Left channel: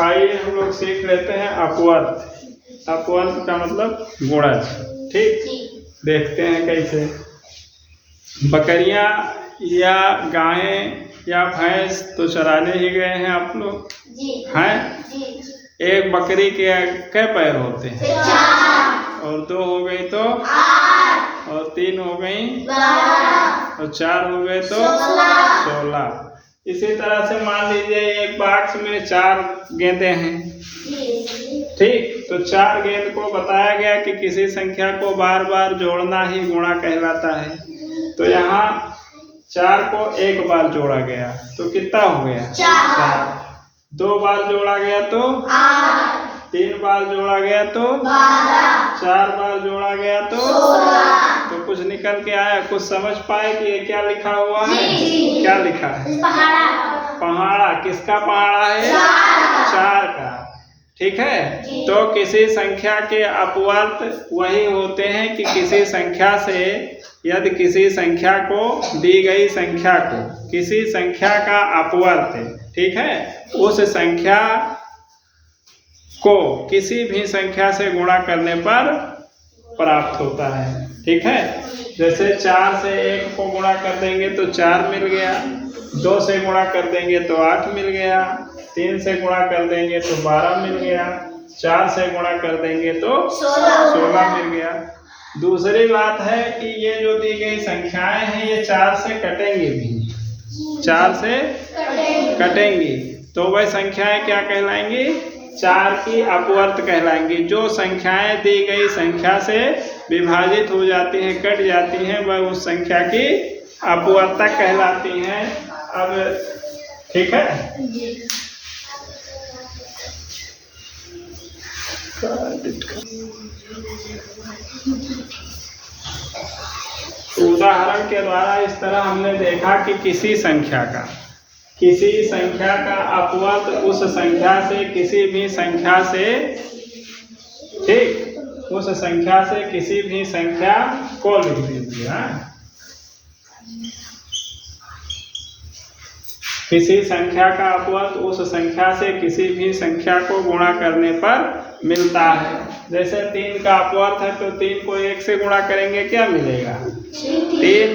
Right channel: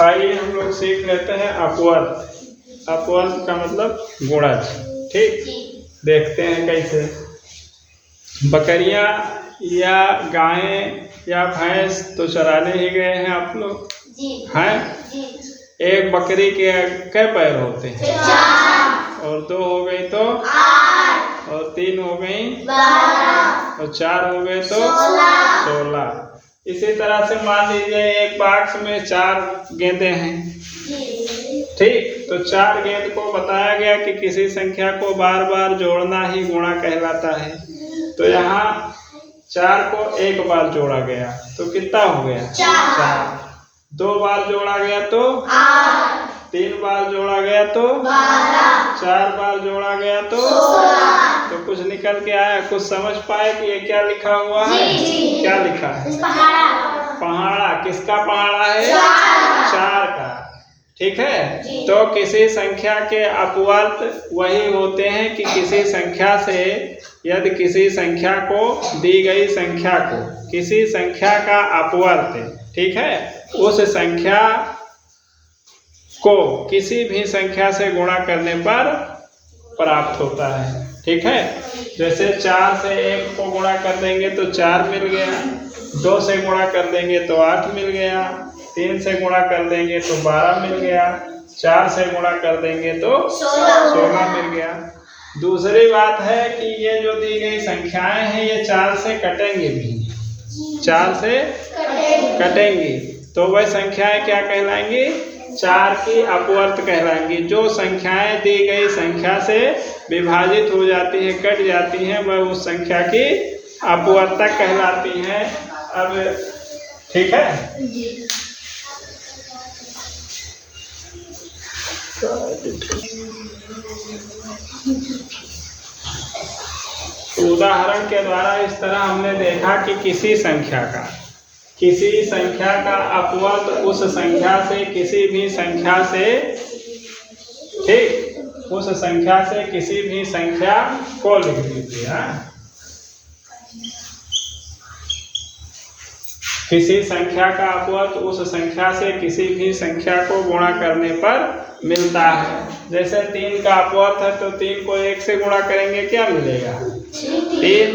आइए हम लोग सीख लेते हैं अपवर्त। अपवर्त का मतलब गुणज। ठीक, देखते हैं कैसे। बकरियां या गायें या भैंस तो चराने ही गए हैं आप लोग हैं। एक बकरी के कई पैर होते हैं? 4। और 2 हो गई तो 8। और 3 हो गई 12। और 4 हो गए तो 16। इसी तरह से मान लीजिए एक बॉक्स में 4 गेंदें हैं। ठीक, तो 4 गेंद को बताया गया कि किसी संख्या को बार बार जोड़ना ही गुणा कहलाता है। तो यहाँ 4 को एक बार जोड़ा गया तो कितना हो गया? 4। 2 बार जोड़ा गया तो 8। 3 बार जोड़ा गया तो 12। 4 बार जोड़ा गया तो 16। तो कुछ निकल के आया? कुछ समझ पाए कि ये क्या लिखा हुआ है? क्या लिखा है? पहाड़ा। किसका पहाड़ा है? 4 का। ठीक है, तो किसी संख्या के अपवर्त वही होते हैं कि किसी संख्या से, यदि किसी संख्या को, दी गई संख्या को, किसी संख्या का अपवर्त, ठीक है, उस संख्या को किसी भी संख्या से गुणा करने पर प्राप्त होता है। ठीक है, जैसे 4 से 1 को गुणा कर देंगे तो 4 मिल गया, 2 से गुणा कर देंगे तो 8 मिल गया, 3 से गुणा कर देंगे तो 12 मिल गया, 4 से गुणा कर देंगे तो 16 मिल गया। दूसरी बात है कि ये जो दी गई संख्याएं हैं ये 4 से कटेंगी भी, 4 से कटेंगी, तो वह संख्याएं क्या कहलाएंगी? 4 की अपवर्त कहलाएंगी। जो संख्याएं दी गई संख्या से विभाजित हो जाती हैं, कट जाती हैं, वह उस संख्या की अपवर्तक कहलाती हैं। अब ठीक है, उदाहरण के द्वारा इस तरह हमने देखा कि किसी संख्या का अपवर्त उस संख्या से किसी भी संख्या से, ठीक, उस संख्या से किसी भी संख्या को लिख दीजिए। किसी संख्या का अपवर्त उस संख्या से किसी भी संख्या को गुणा करने पर मिलता है। जैसे 3 का अपवर्त है तो 3 को 1 से गुणा करेंगे क्या मिलेगा? 3।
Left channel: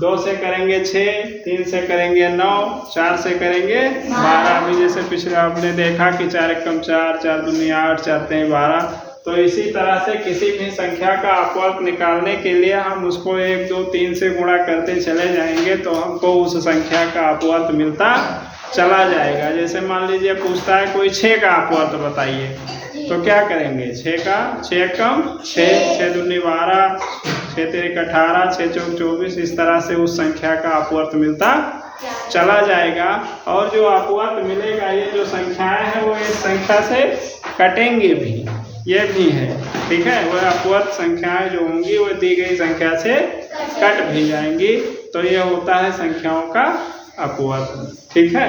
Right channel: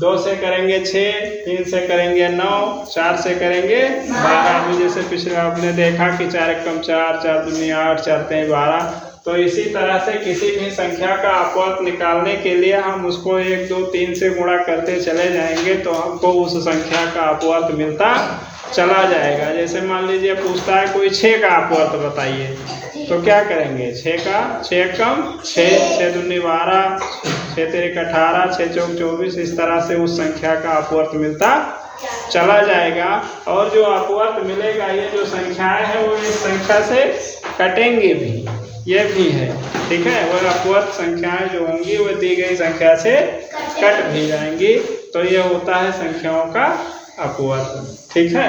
2 से करेंगे 6, 3 से करेंगे 9, 4 से करेंगे 12। अभी जैसे पिछले आपने देखा कि 4 एकम 4, 4 दूनी 8, 4 तेईं 12। तो इसी तरह से किसी भी संख्या का अपवर्त निकालने के लिए हम उसको 1, 2, 3 से गुणा करते चले जाएंगे तो हमको उस संख्या का अपवर्त मिलता चला जाएगा। जैसे मान लीजिए पूछता है कोई 6 का अपवर्त बताइए, तो क्या करेंगे? 6 का 6 एकम 6, 6 दूनी 12, 6 तेईं 18, 6 चौक 24। इस तरह से उस संख्या का अपवर्त मिलता चला जाएगा। और जो अपवर्त मिलेगा, ये जो संख्याएं हैं वो इस संख्या से कटेंगी भी, ये भी है। ठीक है, वह अपवर्त संख्याएं जो होंगी वो दी गई संख्या से कट भी जाएंगी। तो ये होता है संख्याओं का अपवर्त। ठीक है।